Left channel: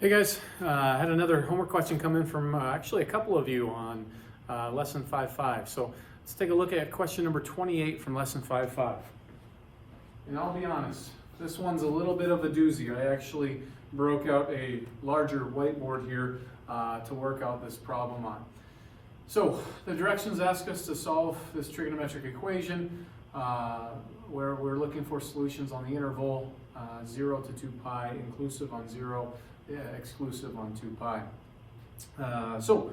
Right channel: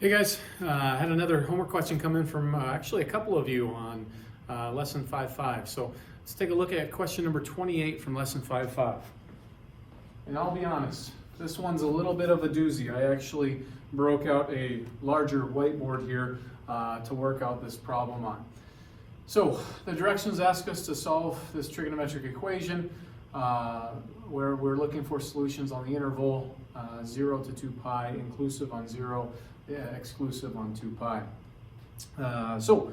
Hey guys, I had another homework question come in from actually a couple of you on lesson 5.5. So let's take a look at question number 28 from lesson 5.5. And I'll be honest, this one's a little bit of a doozy. I actually broke out a larger whiteboard here to work out this problem on. So the directions ask us to solve this trigonometric equation where we're looking for solutions on the interval 0 to 2 pi, inclusive on 0, exclusive on 2 pi. So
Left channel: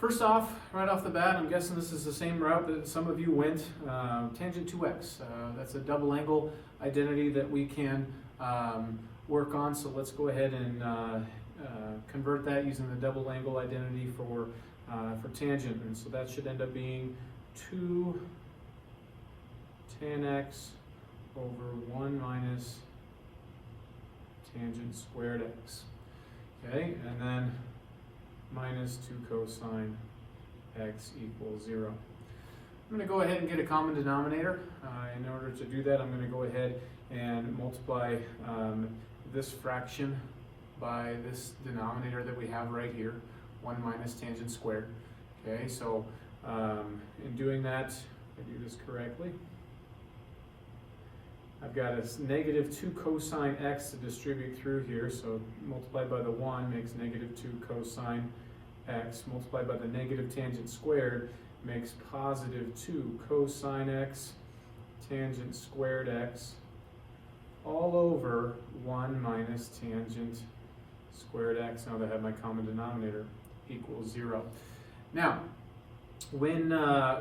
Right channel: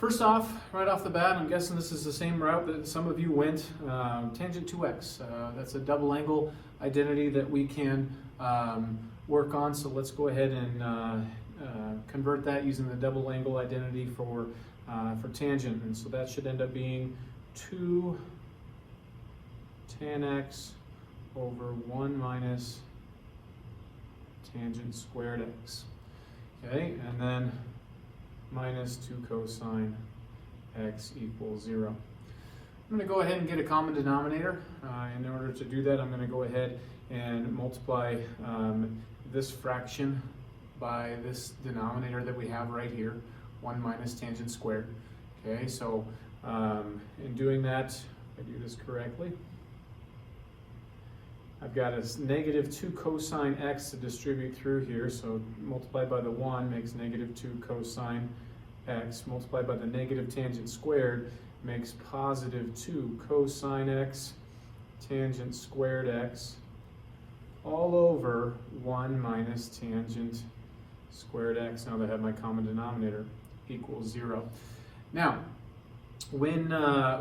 first off, right off the bat, I'm guessing this is the same route that some of you went, tangent 2x. That's a double angle identity that we can work on. So let's go ahead and convert that using the double angle identity for tangent. And so that should end up being 2 tan x over 1 minus tangent squared x. Okay, and then minus 2 cosine x equals 0. I'm going to go ahead and get a common denominator. In order to do that, I'm going to go ahead and multiply this fraction by this denominator that we have right here, 1 minus tangent squared. Okay, so in doing that, if I do this correctly, I've got a negative 2 cosine x to distribute through here, so multiplied by the 1 makes negative 2 cosine x, multiplied by the negative tangent squared makes positive 2 cosine x tangent squared x all over 1 minus tangent squared x, now that I have my common denominator, equals 0. Now, when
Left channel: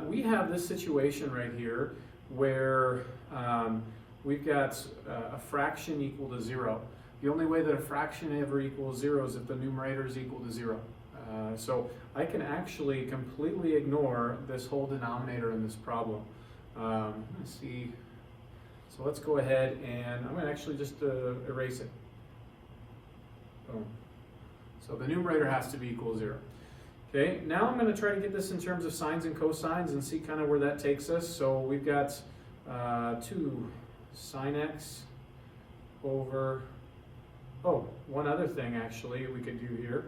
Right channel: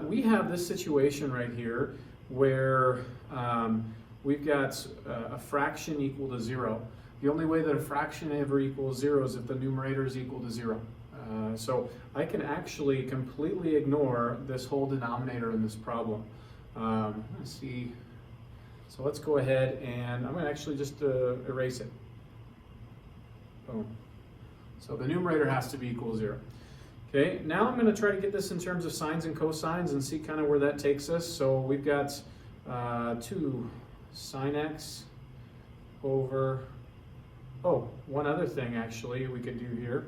we have this situation right here where we've got a fraction equal to 0. The only way that a fraction ever equals 0 is if the numerator is equal to 0. So I can actually completely ignore this whole denominator in this problem. Let's see. So let's go ahead and I'm going to actually just erase it. Boom. So the numerator has to be equal to 0. Okay, now I'm going to try to get this in terms of sines and cosines and see kind of where that takes us. So we've got 2 sine x over, one other thing actually we could do here.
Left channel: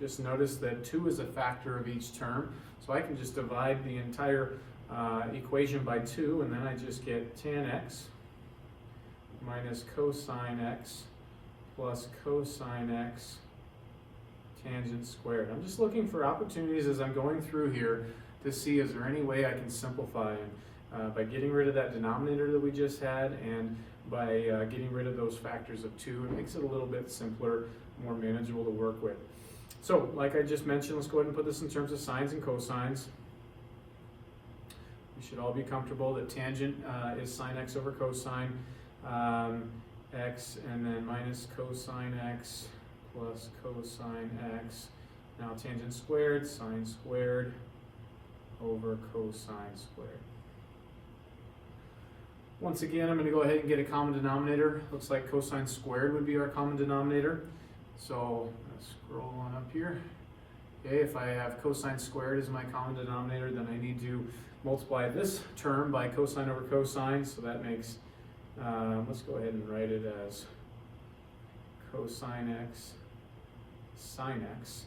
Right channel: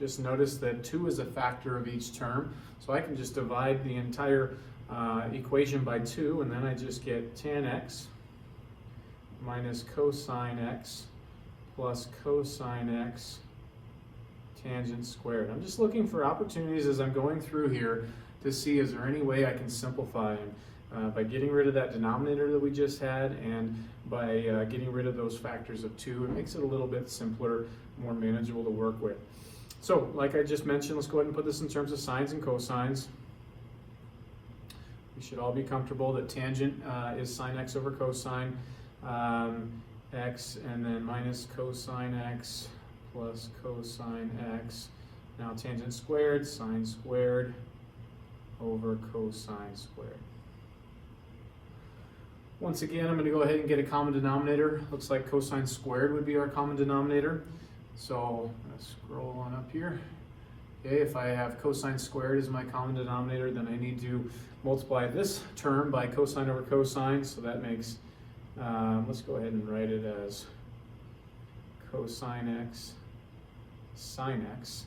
Just notice that 2 is a factor of each term, so I can just divide the entire equation by 2, and then I just get tan x minus cosine x plus cosine x tangent squared. I'm just looking for opportunities as I'm going through here to see is there any way I can simplify by getting rid of that denominator that we just had, and by getting rid of those factors of 2, it makes it a little bit simpler, more manageable to work with. So, like I just mentioned, let's go ahead and put this in terms of sines and cosines. We should all be comfortable that tangent is sine x over cosine x, and then minus cosine x plus cosine x. Now tangent squared, sine squared over cosine squared. Once again, I'm going to go ahead and get a common denominator. Looks like cosine squared would be our common denominator. So let's scroll on up here. Okay, if I have cosine squared as my common denominator, then I need to multiply this term by cosine over cosine. So that makes, let's go ahead and write it as cosine x sine x.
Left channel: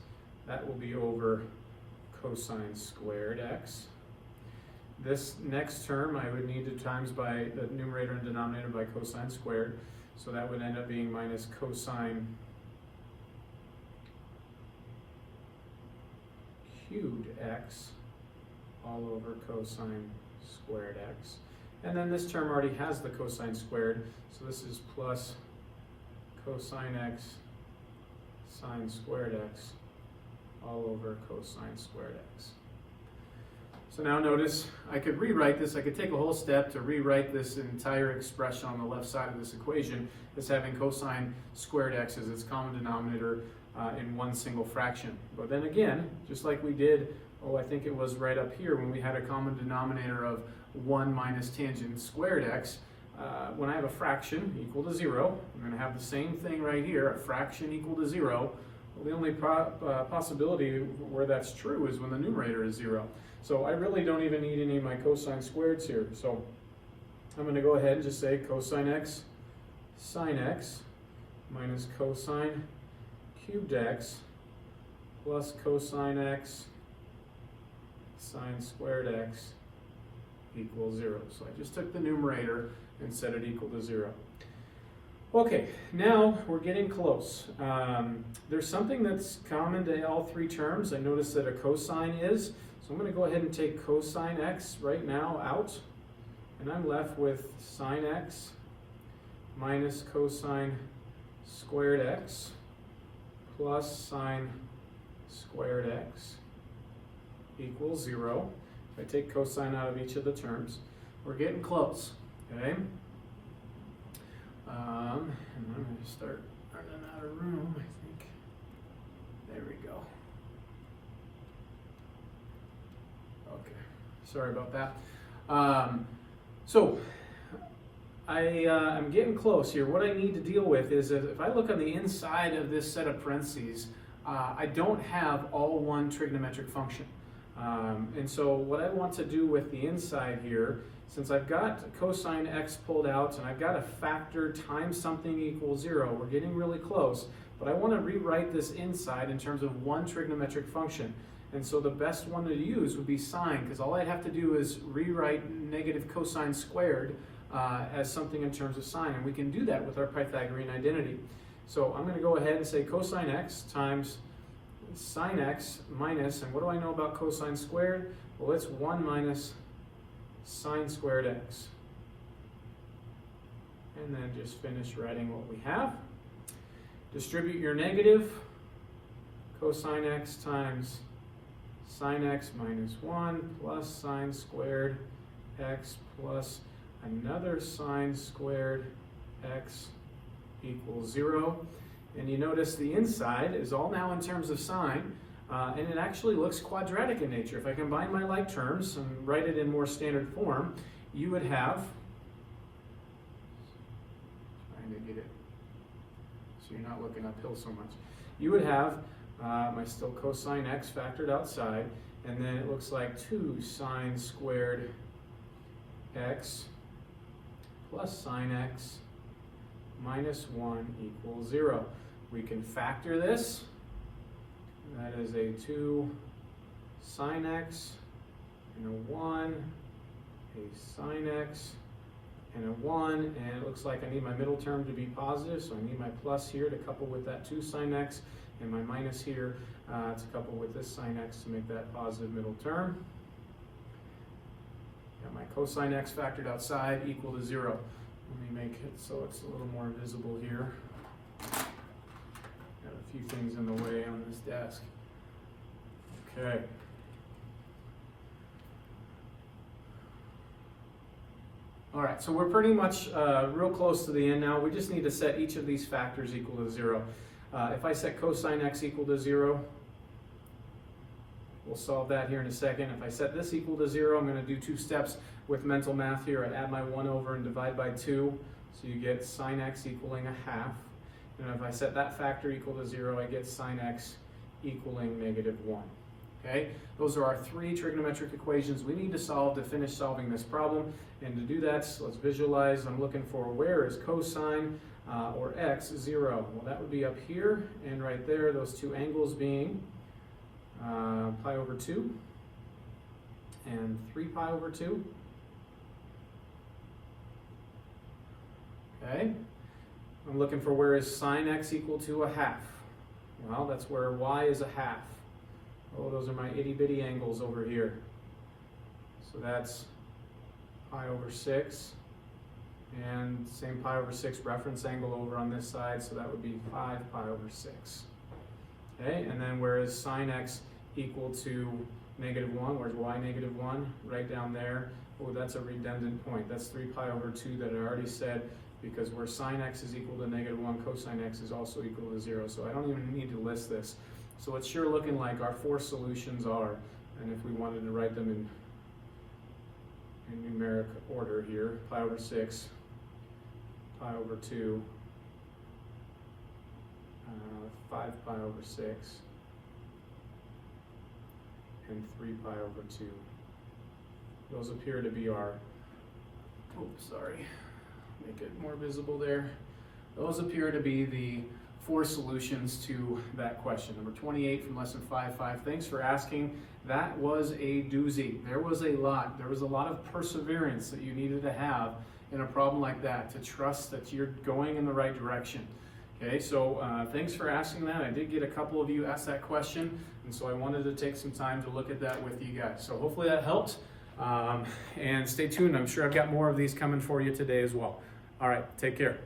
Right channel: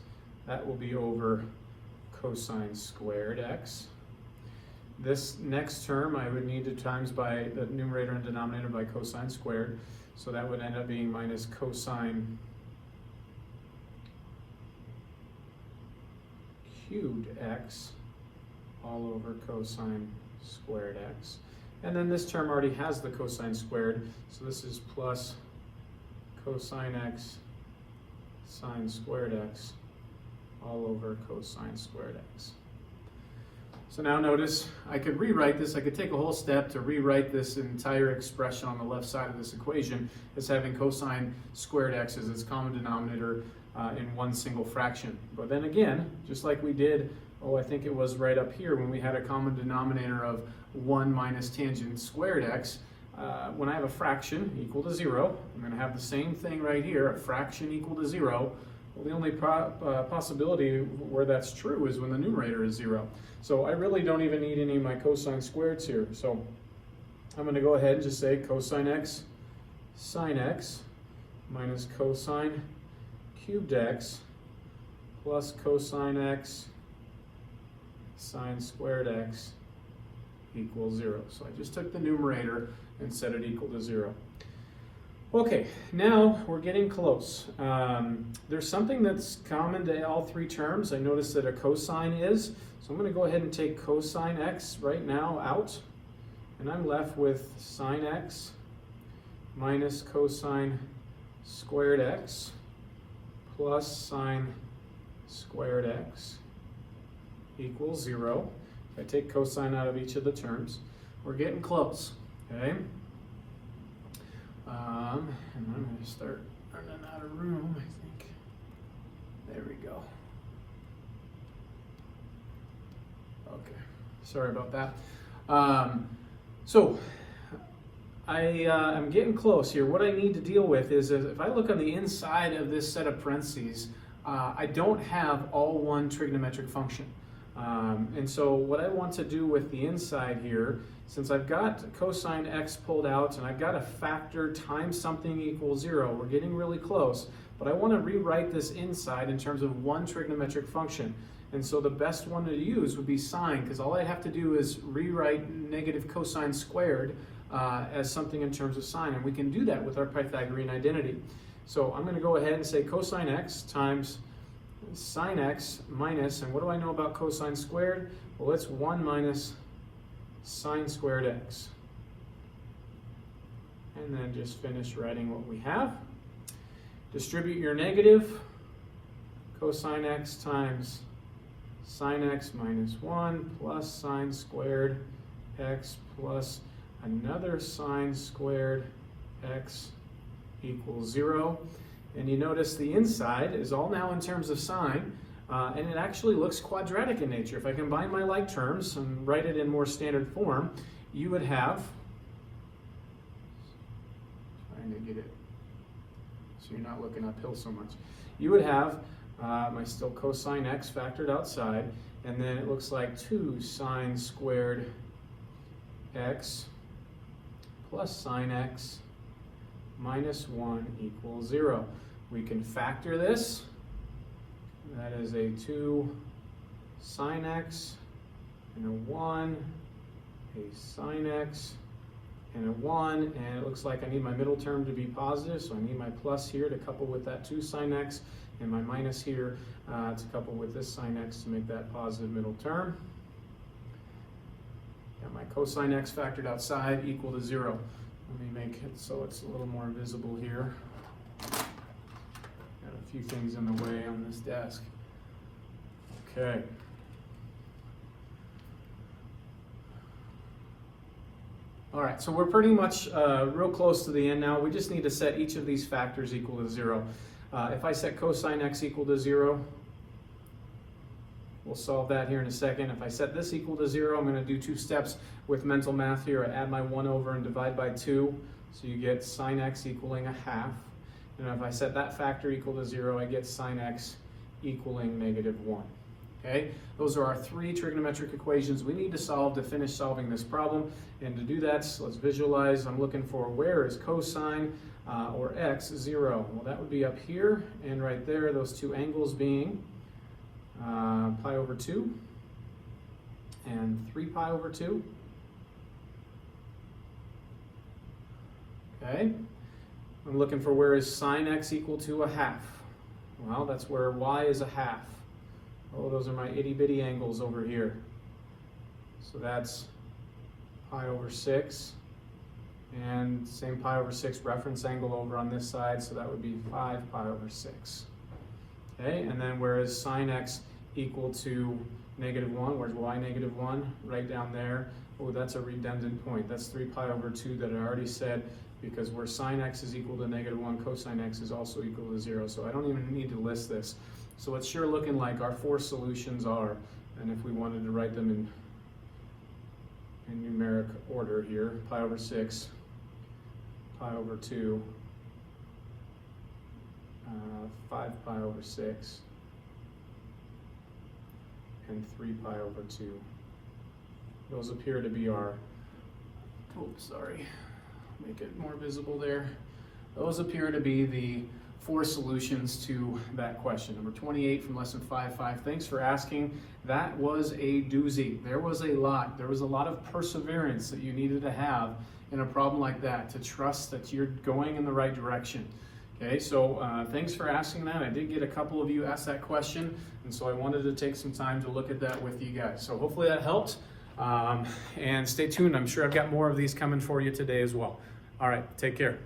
That will be over cosine squared x. This next term I would need to times by the numerator and denominator by cosine squared. So that would end up being minus cosine cubed x all over cosine squared x. And then this term already has the cosine squared, so this is plus cosine x sine squared x all over cosine squared x. So now notice, I could rewrite this, I could take a whole step to rewrite this entire expression on the left side of this equation as having cosine squared x as its common denominator in one single fraction. But then again, just like we did, I think it was right up here when we had a common denominator of 1 minus tangent squared x, when I have a fraction equal to 0, I'm going to have the same thing right here, a fraction equal to 0. Well, the only possibility where that's true is when the numerator is 0. So I really don't even need any of my cosine squareds here. So I'm going to go ahead and just say cosine x sine x minus cosine cubed x plus cosine x sine squared x equals 0. So I just took the numerator and set it equal to 0. Okay, now we're getting close. There's something that's common to all three terms. I noticed that a cosine is. So I'm going to go ahead and take cosine x right now out. And I'm left with sine x minus cosine squared x plus sine squared x equals 0. If I take cosine out of each of the terms, we're getting close, okay? And I'm going to start running out of room, I think. There we go. Okay, sorry about that. I'm getting close here. What I need to deal with is if I look on the inside of this set of parentheses, I don't have all one trigonometric function. And so what I want to do with the inside here, since I've got cosine x pulled out and I've got a factor times something equals 0, we're getting really close, but I want to rewrite this inside in terms of one trigonometric function. And so the best one to use would be sine, because all I have to do is rewrite negative cosine squared as something in terms of sine, and we can do that with our Pythagorean identity. So I'm going to go ahead and say cosine x times sine x minus, and what do I know about cosine squared? Well, it's 1 minus sine squared x. And then just finish writing what we have. Distribute your negative. Cosine x times sine x minus 1 plus sine squared x plus another sine squared x equals 0. And you notice the inside is all now in terms of sine, and it actually looks quadratic in nature. If I combine my like terms and write it in more standard form, you would have, trying to get it so you're not looking uphill so much, you would have my still cosine x factored outside, and then it looks like 2 sine squared x plus sine x minus 1 equals 0. We can factor this. That is a 2 sine x and a 1, a sine x and a 1, and it looks like I need my middle term to be positive, so I need my plus here to couple with that 2 sine x, and my minus here to couple with this sine x to make that positive middle term. And my cosine x factored outside equal to 0. Let me make it so it's a little more visible here. Got a few things in the way on this desk. Okay. All right, so we're pretty much real close to the end now. We just need to set each of these factors equal to 0. If I set cosine x equal to 0, we'll solve that here in a second. If I set this equal to 0, I'm going to do 2 steps with mental math here. I add my 1 over and divide by 2, so you get sine x equaling a half. If I set that factor equal to 0, I get sine x equaling negative 1. Okay, those are our 3 trigonometric equations we need to solve to finish solving this problem. And to do that, so let's visualize. I'm looking for where is cosine or x 0. Well, that would be up here and right there, those 2 angles being pi over 2 and 3 pi over 2. Okay, I'm looking for where is sine x equal to a half. Well, that's where y is a half. Oh, those are my itty bitty angles over here. So that's pi over 6, and same pi over 6 reference angle over on this side, so that would be 5 pi over 6. Okay, and then where is sine x equal to negative 1? Where's y negative 1? Right down there. Oh, that's a redundant point. That's 3 pi over 2 that I already said, because where sine x is equal to negative 1, cosine x is also equal to 0. So I don't even need to list this. So it's sure looking like our 4 solutions are, and if we wanted to write them in numeric order here, pi over 6, pi over 2, 5 pi over 6, and 3 pi over 2. Those appear to be our, make it more visible there. Those appear to be the 4 solutions to that question. Number 28 from lesson 5.5. Thanks for asking. That was a doozy. There was a lot. There was a lot of perseverance that you needed to have in a problem like that, to trust that you're going in the right direction. Okay, so thanks for asking that. I did get a couple of you ask that question, and so I wanted to take some time to look at that with you guys. So hopefully that helped. And stay tuned. I'm sure I've got more of these coming for you today as well. All right, take care.